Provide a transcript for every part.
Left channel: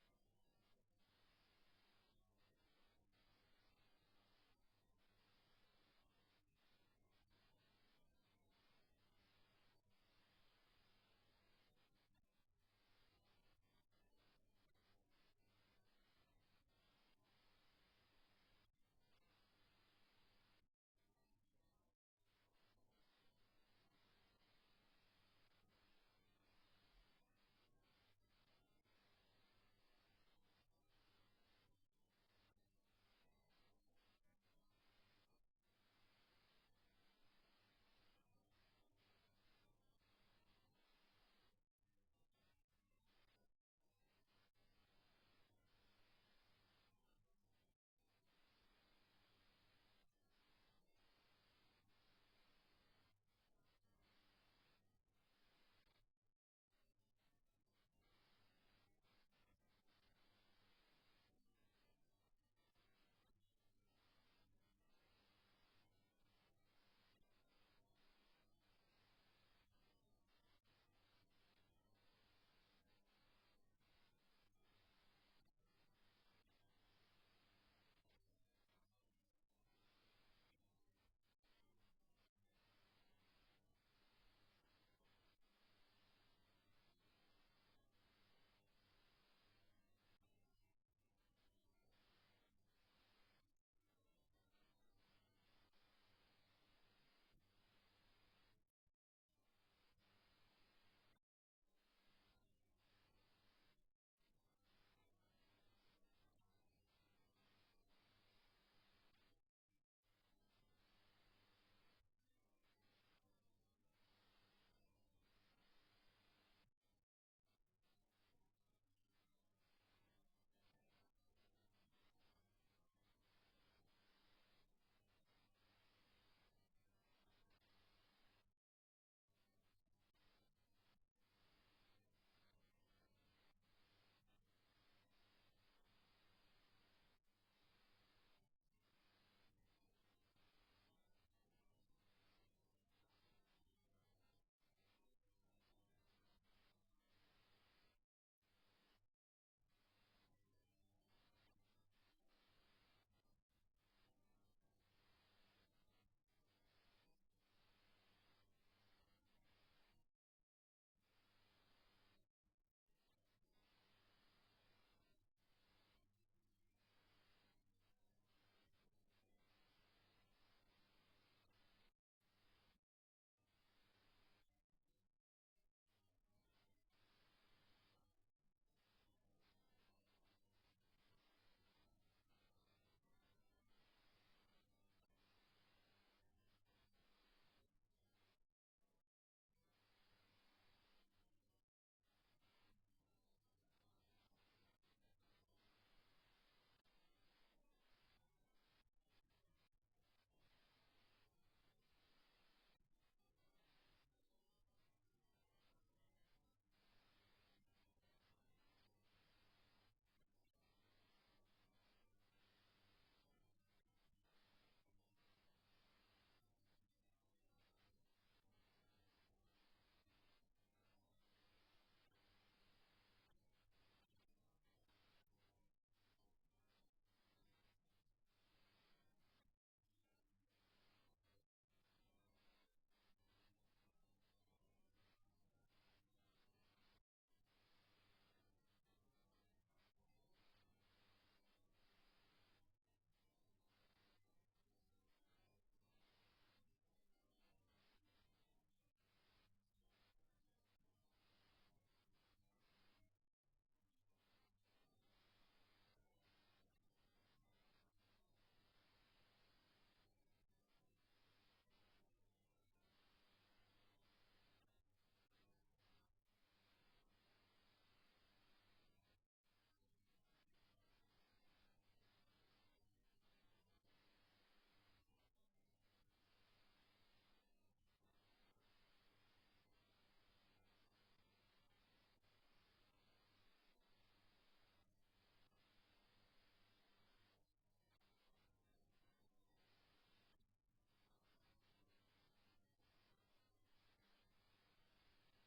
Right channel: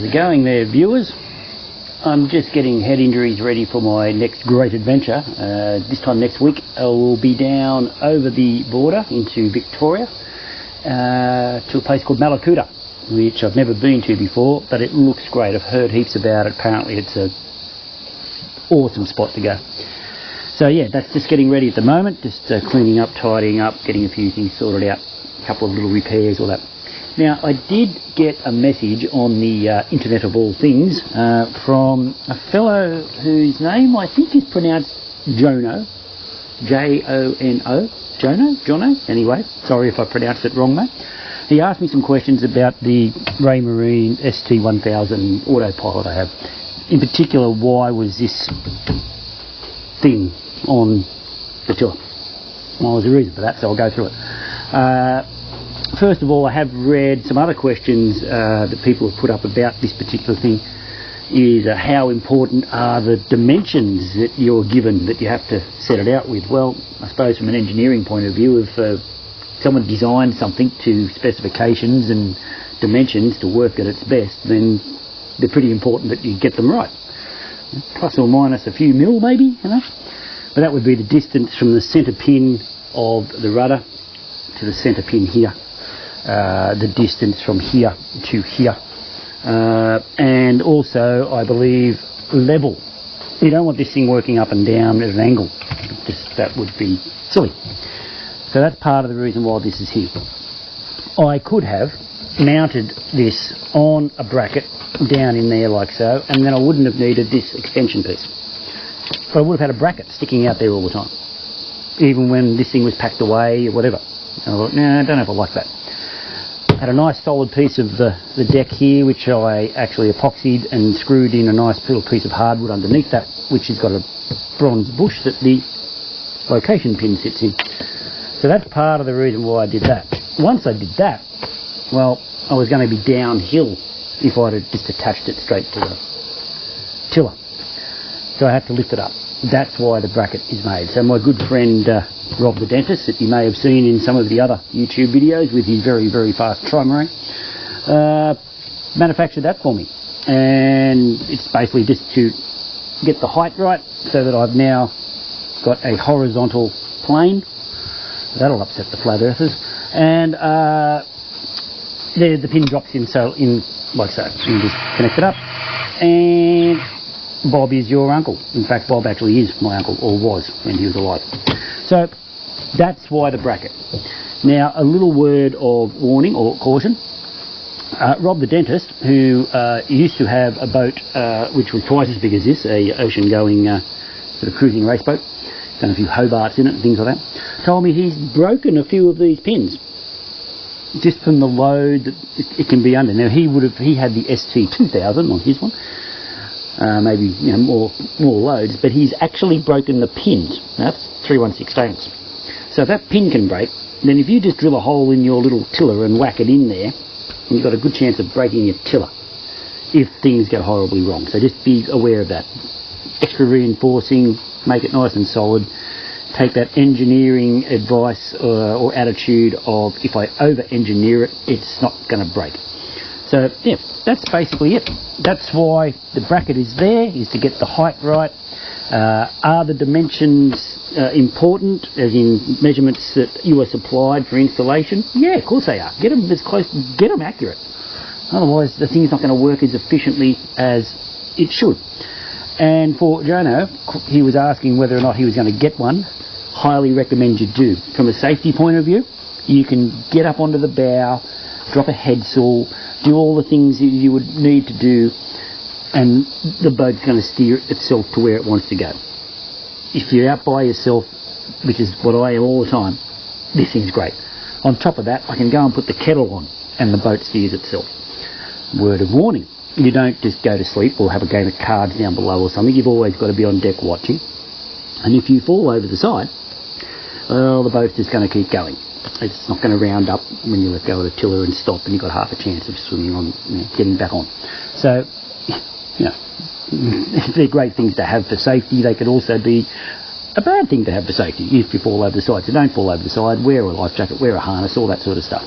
How's it going there, viewers? I'm just getting head injuries ready for my next great adventure. This time next week I will be down over the border into Victoria to a place called Malakuta, which I've never been to before, but it looks great. I've heard heaps about it. Apparently it's an awesome spot to go. So yeah, that's just getting ready at the moment, just cleaning up, tidying up, getting a few things sorted out, a couple of little repairs, all that. Now, I did get a message on the Internet of all things from a fellow whose name I think is pronounced Jono, J-O-N-O, Jono? Anyway, sorry if I pronounced it wrong, mate. He asked me some questions about the Raymarine ST1000 Autopilot I have. In particular, why was this thing on the tour? Well, there's a reason for that, so I'll go through it. First of all, I have read some other questions that people have put up about this particular thing, is how important are the dimensions that you're given, that you have to set it out with. Well, I suppose from an engineering point of view, if someone designed something to specifications and dimensions to work at its best, then they're pretty important that you get them right. Plus or minus a few mil maybe, you know. But that would be the distance from the centre pin of the rudder to the centre pin here. The distance from here to here, and also I believe level. You don't want this thing working up and down at an angle, just that would be silly. So that's part of the reason why this is here. I could have mounted this on a bracket down in there like so, and then I wouldn't have needed this extension piece, but I would have had a bracket sticking out there all the time, even when this thing was packed away or whatever. And I thought, no, I don't know if I like that. Had a nice solid piece of the deck here, which I actually epoxied and screwed in a nice little piece of hardwood underneath that, which has got a bronze bush that the location pin sits in. So that's part of the reason why I did that. Once I did that, well, I was going to be downhill if I'd have just attached it straight to the tiller. So I had to lift it up. That's why the bracket is made. So my good friend Rob the dentist, that you may have seen in some of the other YouTube videos with his very, very fast Raymarine, manufactured that for me. And it's basically just to get the height right so that I've now got a horizontal plane. That'll upset the flat earthers. And there the pin drops in, so in like so. You just connect it up. And Bob is your uncle. In fact, Bob actually is my uncle, or was when he was alive. So that's why the bracket. Now, a little word of warning or caution. Rob the dentist, who used to have a boat which was twice as big as this, a ocean-going sort of cruising race boat, done a few Hobarts in it and things like that, told me he's broken a few of these pins just from the load that it can be under. Now, he had the ST1000 on his one. Maybe more loads, but he's actually broken the pins. Now, that's 3/16. So if that pin can break, then if you just drill a hole in your little tiller and whack it in there, you've got a good chance of breaking your tiller if things go horribly wrong. So just be aware of that. Extra reinforcing, make it nice and solid. Take that engineering advice or attitude of, if I over-engineer it, it's not going to break. So yeah, that's basically it. That's why the bracket is there, is to get the height right. Are the dimensions important, as in measurements that you are supplied for installation? Yeah, of course they are. Get them as close, get them accurate. Otherwise the thing's not going to work as efficiently as it should. And for Jono, he was asking whether or not he was going to get one. Highly recommend you do. From a safety point of view, you can get up onto the bow, drop a head saw, do all the things that you would need to do, and the boat's going to steer itself to where it wants to go. If you're out by yourself, which is what I am all the time, this thing's great. On top of that, I can go and put the kettle on and the boat steers itself. Word of warning, you don't just go to sleep or have a game of cards down below or something. You've always got to be on deck watching. And if you fall over the side, well, the boat's just going to keep going. It's not going to round up when you let go of the tiller and stop, and you've got half a chance of swimming on, getting back on. So, they're great things to have for safety. They could also be a bad thing to have for safety if you fall over the side. So don't fall over the side, wear a life jacket, wear a harness, all that sort of stuff.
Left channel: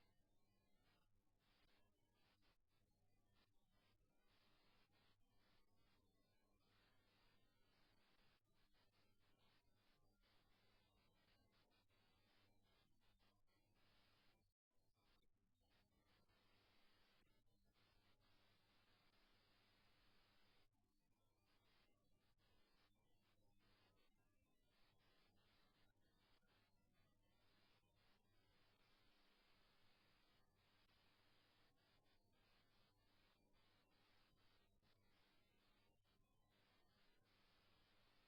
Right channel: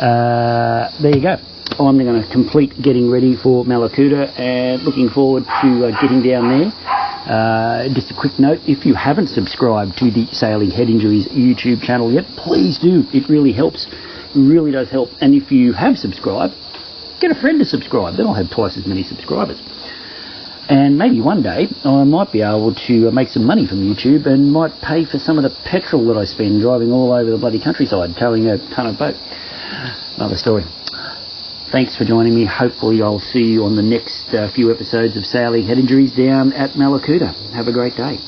There you go. I'm going to complete getting ready for Malakuta and looking forward to getting down there. Just a quick note, if you haven't subscribed to the Sailing Head Injuries YouTube channel yet, please do. It really helps. It really does help. And if you have subscribed, get a friend to subscribe. Then I'll have twice as many subscribers. And maybe one day I might be able to make some money from YouTube and might pay for some of the petrol that I spend driving all over the bloody countryside, towing a ton of boat. Another story. Thanks for joining me. Hopefully I'll see you on the next few episodes of Sailing Head Injuries down at Malakuta. Have a great day.